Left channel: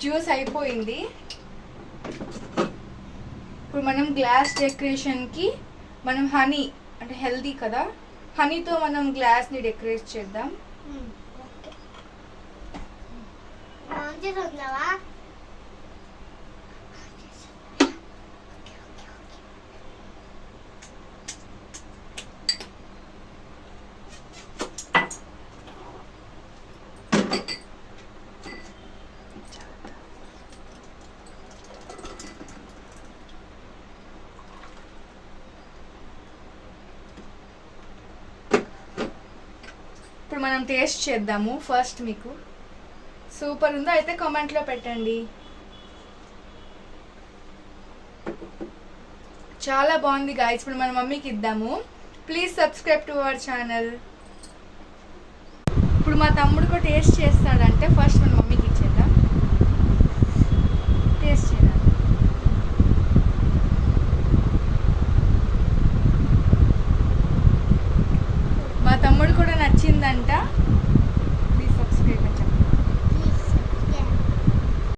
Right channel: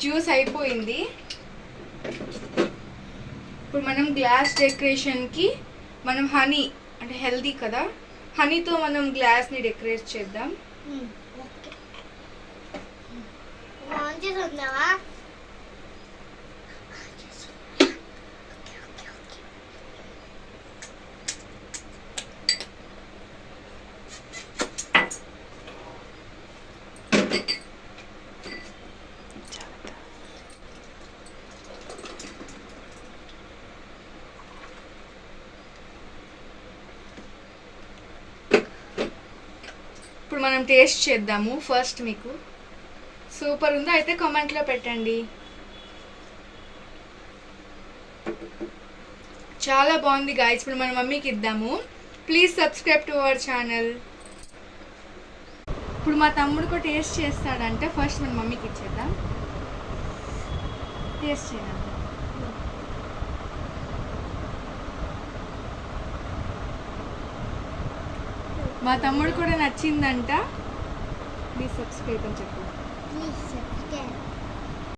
Juice అయిపోయింది. ఇప్పుడు మనం గ్లాస్ డెకరేషన్కి మనం హనీ అంటే హెల్దీ కదా, హనీతో మనం గ్లాస్ని డెకరేట్ చేద్దాం. ఇప్పుడు మనం టేస్ట్ చేద్దాము. ఫస్ట్ మీకు సూపర్ ఉందో అయితే కామెంట్లో పెట్టండి. చాలా బాగుంది గాయ్స్. ఇప్పుడు మన మమ్మీకి ఇద్దాము. Please subscribe to our channel. ఇప్పుడు మా తమ్ముడు కూడా టేస్ట్ చేస్తాడంటే ఫస్ట్ మన మమ్మీకి ఇచ్చేద్దాం. టేస్ట్ చేద్దాం. మా తమ్ముడు కూడా నచ్చిందంట. ప్లీజ్ సబ్స్క్రైబ్ అని చెప్పండి.